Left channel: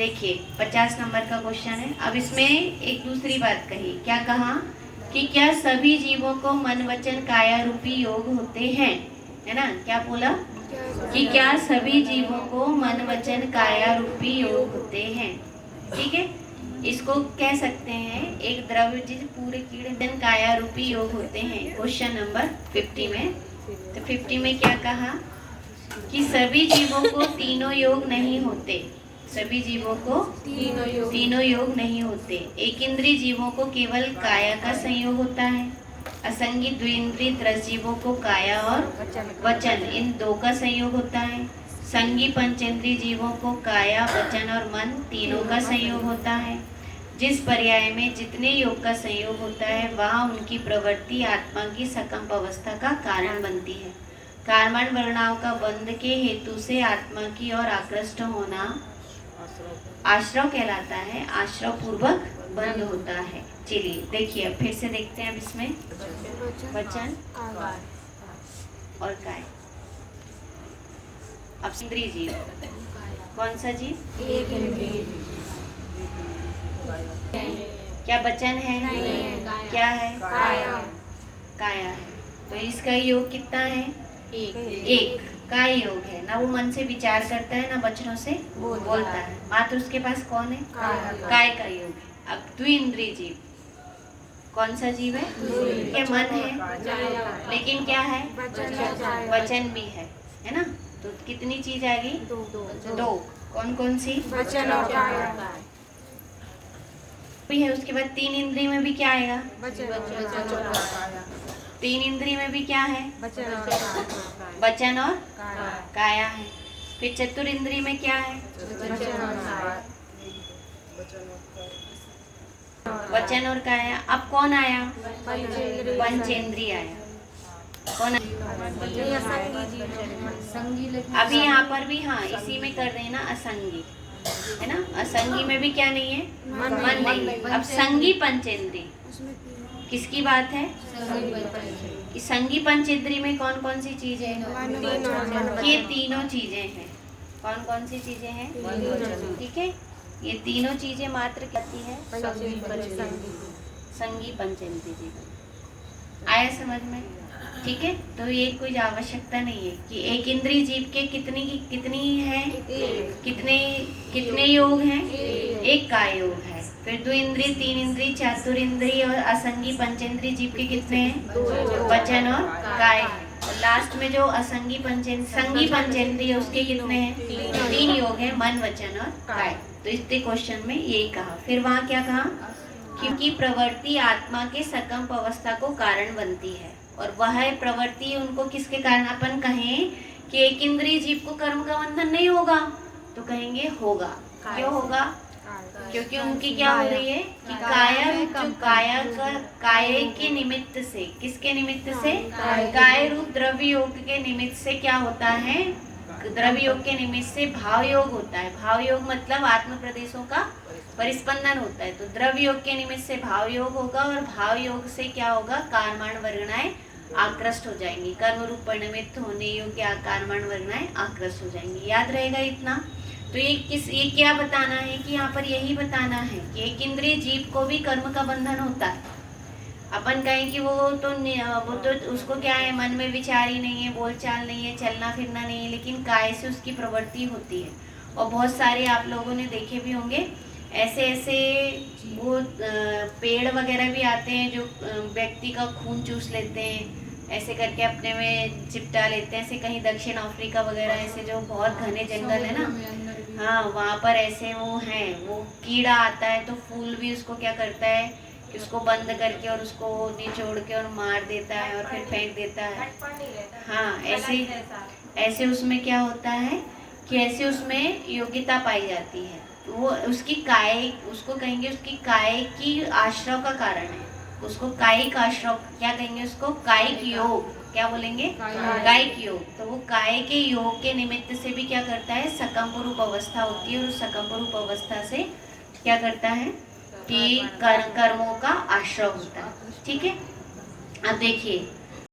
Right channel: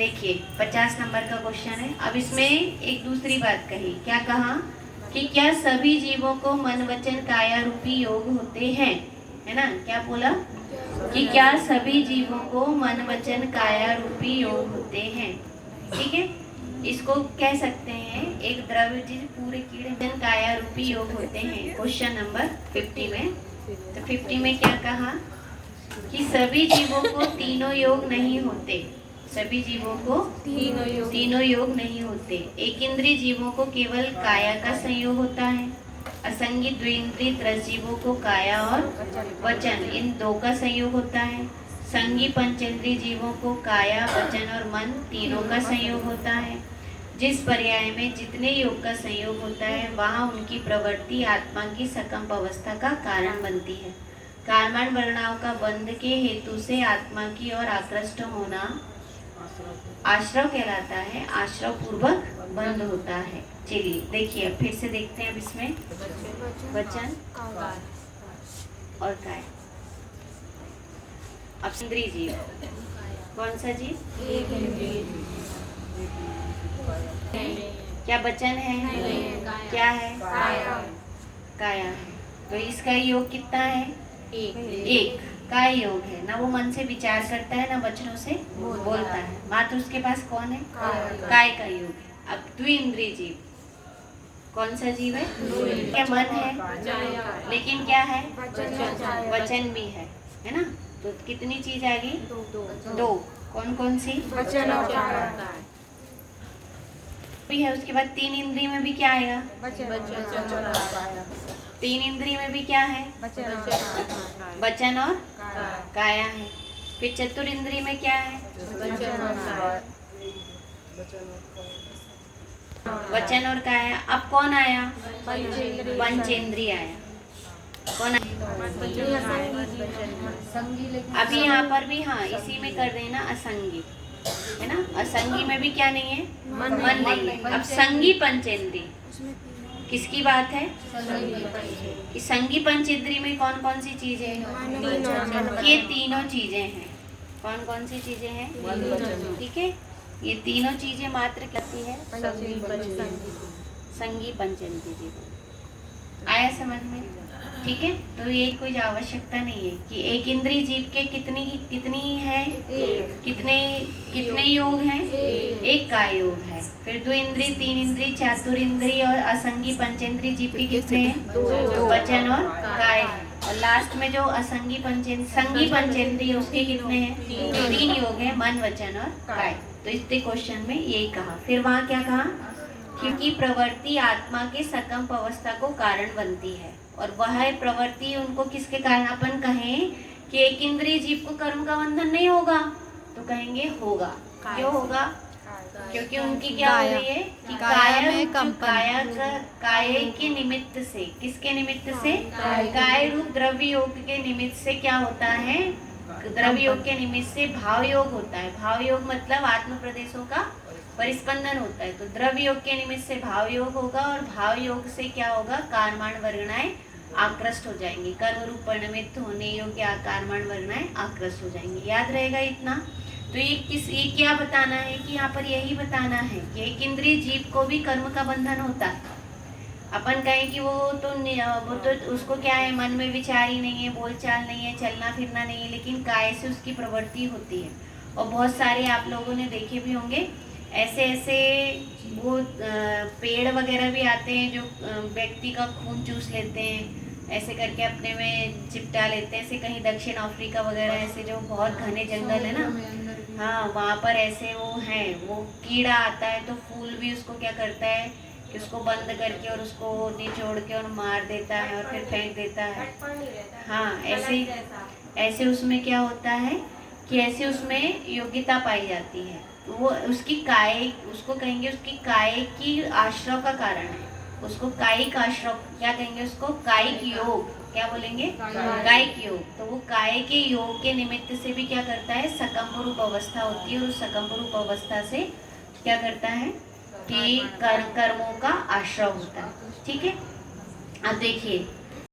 देखिए 50 नंबर का क्वेश्चन है। अब इसमें एक दूसरी बात कही, क्या कहा कि क्या सभी जीवों को मन वचन काया रूपी योग होते हैं, है ना। क्या बोला कि क्या सभी जीवों को मन वचन काया रूपी योग होते हैं। ठीक है, इसको कह सकते हैं एक द्रव्य जिस पूरे कीड़े वचन काया रूपी योग होते हैं। क्वेश्चन नंबर 50 में, तो 50 में क्या कहा कि सभी जीवों को तीनों योग नहीं होते। सभी जीवों को तीनों योग नहीं होते। एक इंद्रिय जीवों को केवल काया का संयोग होता है। असंगी द्विइंद्रिय त्रस जीवों को काया और वचन इन दो का संयोग होता है। संगी पंचेंद्रिय जीवों को काया वचन और मन तीनों का संयोग होता है। जिस पर्याय में जितने योग का संयोग होता है वहाँ उनकी प्रवृत्ति आत्मा की सकंप अवस्था का कारण बनती है। कर्मण वर्णाव का बंध के हेतु से आत्मा की ओर आकृष्ट होना आश्रव कहलाता है। आश्रव पूर्वक बंध होता है। चलिए देखिए फिर से देखते हैं अब इसमें वचन और काय। अब इंद्रिय जीव कौन सा जीव? एक इंद्रिय। क्या वचन है? नहीं। क्या है? काया। काया है। तो इसका योग कितना है? एक। काय योग है ना, वो मन से विचार करता है ना वचनों से बोलता है। मात्र उसके पास कौन है? काय का योग है। अब द्विइंद्रिय जीव कौन सा जीव है? क्या मन है लेकिन क्या है? वचन भी है ना। तो कितनी चीज आ गई? दो। कौन कौन सी? वचन और काया भी है। उसके बाद तीन इंद्रिय में भी क्या आएगा? तीन इंद्रिय में भी क्या है? वचन और काया है। फिर चतुर इंद्रिय में क्या है? वचन और काया। अब कौन आया? पंचेंद्रिय आया। कौन आया? अभी यहाँ पर भी हाँ इसी में कर रहे हैं ना, असंगी है ना। असंगी में भी क्या नहीं है? मन नहीं है। अब संगी पंचेंद्रिय किसकी बात है? कि संगी पंचेंद्रिय में कौन कौन सी चीजें हैं? ये तीनों चीजें हैं। कौन कौन सी चीजें हैं? ठीक है, ये तीनों चीजें मात्र कहती है संगी पंचेंद्रिय। आया समझ में? ठीक है, तो ये कोई आवश्यकता नहीं है कि एक इंद्रिय जीव के कितनी है? कितने योग हैं? एक का योग है। फिर दो इंद्रिय, तीन इंद्रिय, चातुर इंद्रिय और असंगी पंचेंद्रिय जीव के कितने हैं? वचन और काय है। और लास्ट में जो असंगी संगी पंचेंद्रिय उसके कितने हैं? तीन योग है, मन वचन और काय। तो इस क्वेश्चन में यही कहा। फिर वहाँ क्या कहा? क्योंकि प्रवृत्ति आत्मा के सकंप अवस्था को कारण बनती है। और वह प्रवृत्ति उनको किसके कारण? अपन कहें कि एक इंद्रिय जीव को कर्म का बंधन नहीं होगा तो कहेंगे होगा। क्यों होगा? क्योंकि उनकी क्या हो रही है कि काया के निमित्त से, किसके निमित्त से? काय रूप द्रव्य योग के निमित्त से क्या होता है? द्रव्य योग के निमित्त से भाव योग होता है। भाव योग मतलब आत्म प्रदेशों का परिस्पंदन होता है। तो द्रव्य योग के निमित्त से भाव योग होगा और भाव योग से क्या होगा? कारमाण वर्गणाएं आकृष्ट हो जाएंगी। कर्म रूप परिणमित होने योग्य कारमाण वर्गणाएं आकृष्ट हो जाएंगी। याद रहेगा इतना। तो ये क्या बताना है कि यहाँ पर यही बताना है कि एक इंद्रिय जीव को भी कर्म का बंधन होता है। अपन कहें कि वो तो उसको क्या है? मन में विचार ही नहीं है, बोलचाल नहीं है, चलना फिरना नहीं है, लेकिन काय से उसकी प्रवृत्ति होती है। और बहुत सारे आप लोगों ने देखे भी होंगे ऐसे वो पेड़ वगैरह भी आते हैं जो व्यक्ति का खून चूस लेते हैं, ऐसे करके अपने में चिपटा लेते हैं। ऐसे कहीं दक्षिण अफ्रीका वगैरह ऐसे जो बहुत घने जंगल है ना, हाँ वहाँ पर ऐसे वो हैं, वो कीड़ा आता है तो फूल भी उसको क्या करता है कि उसको बंद करके और उसको निचोड़ के और मार देता है और फिर फेंक देता है। हाँ ऐसे उसमें क्या होता है कि ऐसे उसमें योग्यता पाई जाती है। वो उसकी काय, उसको कहेंगे उसकी काय की आश्रव का कारण है। उसको कायिक आश्रव क्या कहेंगे? उसको कायिक योग क्या बोलेंगे? कायिक योग। तो वो काय के योग के निमित्त से भी क्या करता है? सकंप रूप अवस्था होती है और उस सकंप रूप अवस्था से क्या करता है कि कर्मों का आश्रव होता है। ठीक है, अब देखिए